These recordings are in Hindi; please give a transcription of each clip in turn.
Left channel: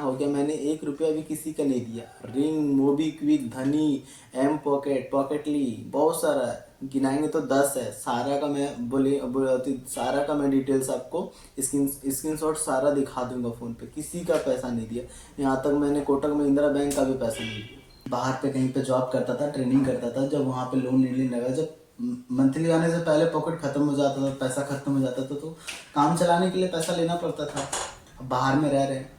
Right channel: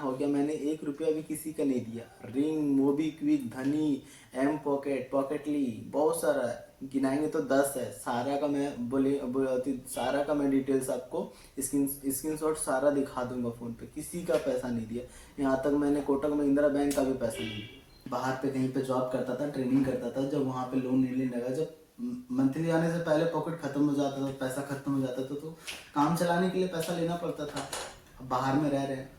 हो गया मैंने 1 रुपया भी किसी का नहीं दिया। रिंग, मोबीक्विक, धनी, एम पॉकेट, पॉकेटली, बहुत सारा है, गिनाएंगे तो 10 है। सारा का मैं सारा का मैं डिटेल्स आपको स्क्रीनशॉट सारा दिखा दूंगा फ़ोन पे। किसी का पैसा नहीं दिया। यहाँ तक मैंने कोटक महिंद्रा बैंक का भी पैसा नहीं दिया। बाहर पे कहीं पे जॉब करता था, ट्रेनिंग करता था, जब वहाँ पे लोन नहीं लेने लगा, जब मंथली आने से पहले पॉकेट खत्म हो जाता था, पैसा खत्म हो जाता था, तो काम चलाने के लिए पैसा लेना पड़ता था। अब बाहर में रह रहे हैं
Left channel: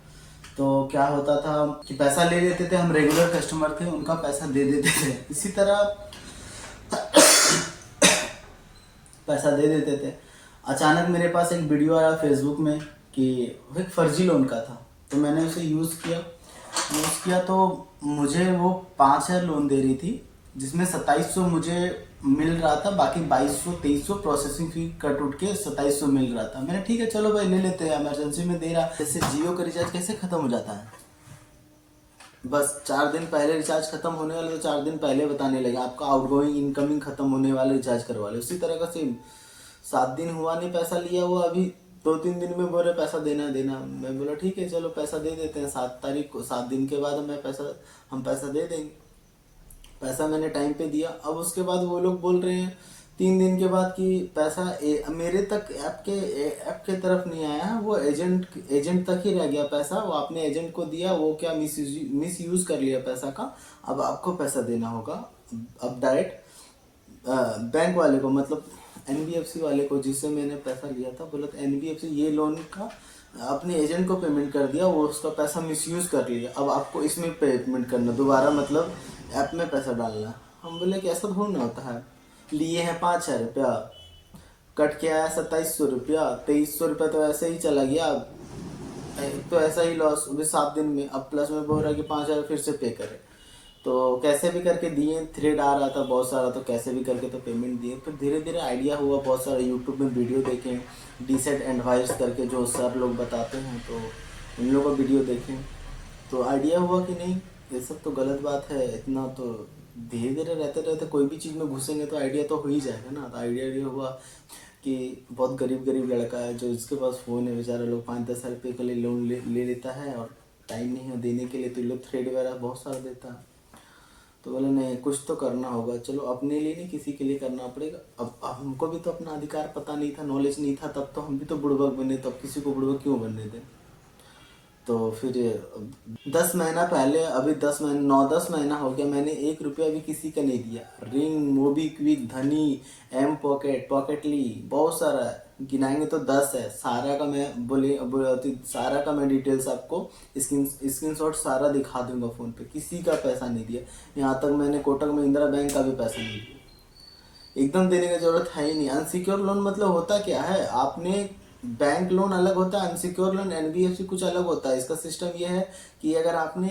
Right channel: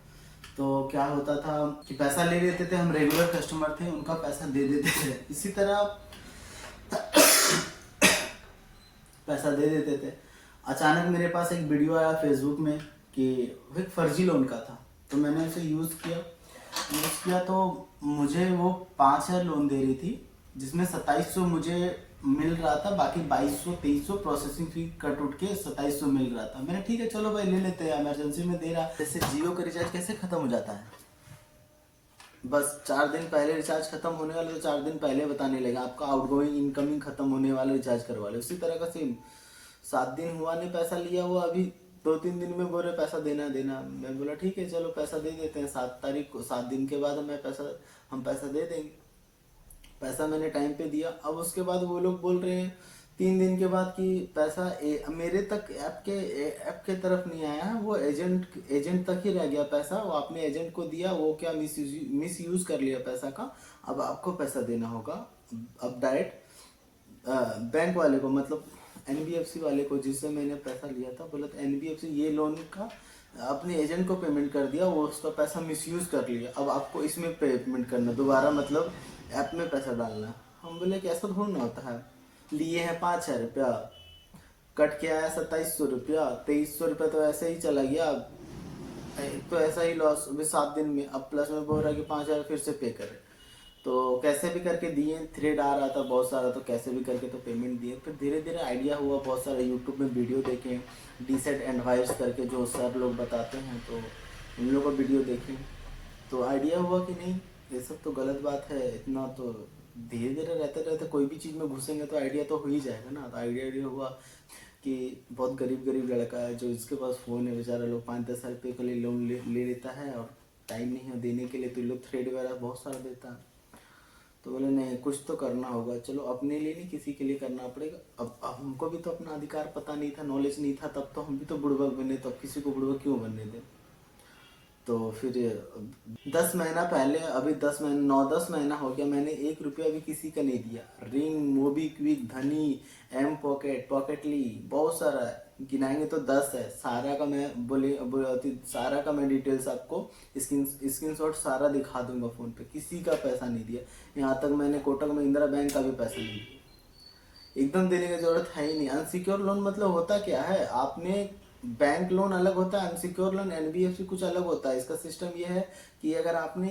तो क्या होता था कि पैसा ले लेते थे, हम रेगुलर कस्टमर थे, उनका पैसा दे देते थे। इसी तरह पैसा दे देते थे। अचानक मेरे पास एक वीडियो आया फेसबुक में कि वो एक फर्जी लोन का था, तो मैंने उसे यूज़ किया तो मुझे वो 5,000 लोन दे रही थी, जिसमें 2700 मुझे मिल रहा था, बाकी 2200-2300 प्रोसेसिंग फी कट उठ के 2700 मिल रहा था। मैंने ठीक है चलो भाई ले लेते हैं, इमरजेंसी में दे रहा। जैसे जियो का रिचार्ज कैसे ख़त्म हो जाता है, बस 4 दिन पहले रिचार्ज खत्म होने वाले तो 4 दिन पहले बताने लगे आपका आउटगोइंग इनकमिंग खत्म होने वाले, रिचार्ज करवा लो। उसी तरह का सेम 7 दिन हुआ नहीं पैसा लिया हुआ, अभी 2-3 दिन में बोले पैसा देना देना। मैं बोला ठीक है चलो पैसा दे देते हैं, 7 तारीख को, 7 दिन के बाद हम पैसा दे देंगे। पैसा मैंने टाइम पे दिया। अब उसके बाद वो लोग बोल रहे हैं 3 दिन के बाद कि पैसा मेरे तक ऐप के तरफ नहीं आया, वो एजेंट तक ही रह गया पैसा, वो आपने एजेंट को दिया, वो क्या मिस यूज कर लिया पैसा का, अब आपको पैसा देना होगा। अब डायरेक्ट बैंक वाले को, मतलब एनबीएफसी वाले को जिससे मैंने पैसा लिया था, बोला था एनबीएफसी ये लोन का अपने एजेंट को पेमेंट कर दिया, वो उसका पैसा मिसयूज कर लिया, अब आपको इसमें पेमेंट करना दोबारा, मतलब ऐप में पैसा डालना। हम बोले कि ऐसा थोड़ा ना होता है, लिए हैं 5,000 रुपया, कट के आया 2700 रुपया, 2300 रुपया तो ऐसे ही चला गया, तो ऐसा ही लॉस अभी 7 दिन में। अब प्लस में बोल रहा है कि 5,000 फिर से पे करें, तो कैसे भी करके दिए। थ्रेड आ रहा था बहुत सारा, तो कैसे भी करके तो पेमेंट दिए। फिर धीरे धीरे आइडिया हुआ, बहुत सारा यूट्यूब में वीडियो देखें, डीसेट एडवाइस करके जो सर लोग बताते हैं, तो उन लोगों का वीडियो देखें, तो आइडिया हुआ कि नहीं ये सब तो गलत बात है। इतना तो धीरे धीरे रहते रहते कोई भी चीज़ में घुसेंगे तो आइडिया तो हो ही जाएगा ना। तो आइडिया हुआ कि बहुत गरीब लड़का है जो इसके पास फ़ोन है, बेचारा लोग 5-10 हज़ार रुपये के लिए लोन ले लेता है और टाइम नहीं है देने के लिए, तो ये लोग थ्रेड वगैरह बहुत सारा देता है। तो बोले नहीं कुछ तो करना होगा, चलो अपने लिए नहीं किसी के लिए करना पड़ेगा। अब हमको भी तो अपना अधिकार पता नहीं था, नॉलेज नहीं था, तब तो हम भी तो बुड़बक बने, तो अब किसी को बुड़बक क्यों बनने दें। तो फिर 10 महीना पहले, अभी 9-10 महीना हो गया, मैंने 1 रुपया भी किसी का नहीं दिया। रिंग, मोबीक्विक, धनी, एम पॉकेट, पॉकेटली, बहुत सारा है, गिनाएंगे तो 10 है। सारा का मैं डिटेल्स आपको स्क्रीनशॉट सारा दिखा दूंगा फ़ोन पे। किसी का पैसा नहीं दिया। यहाँ तक मैंने कोटक महिंद्रा बैंक का भी पैसा नहीं दिया। एकदम देने की जरूरत है ही नहीं। अनसिक्योर लोन मतलब होता क्या है, आपने बैंक लोन अलग होता है, अनसिक्योर लोन एनबीएफसी कुछ अलग होता है। इसका सिस्टम ये है कि अगर आपने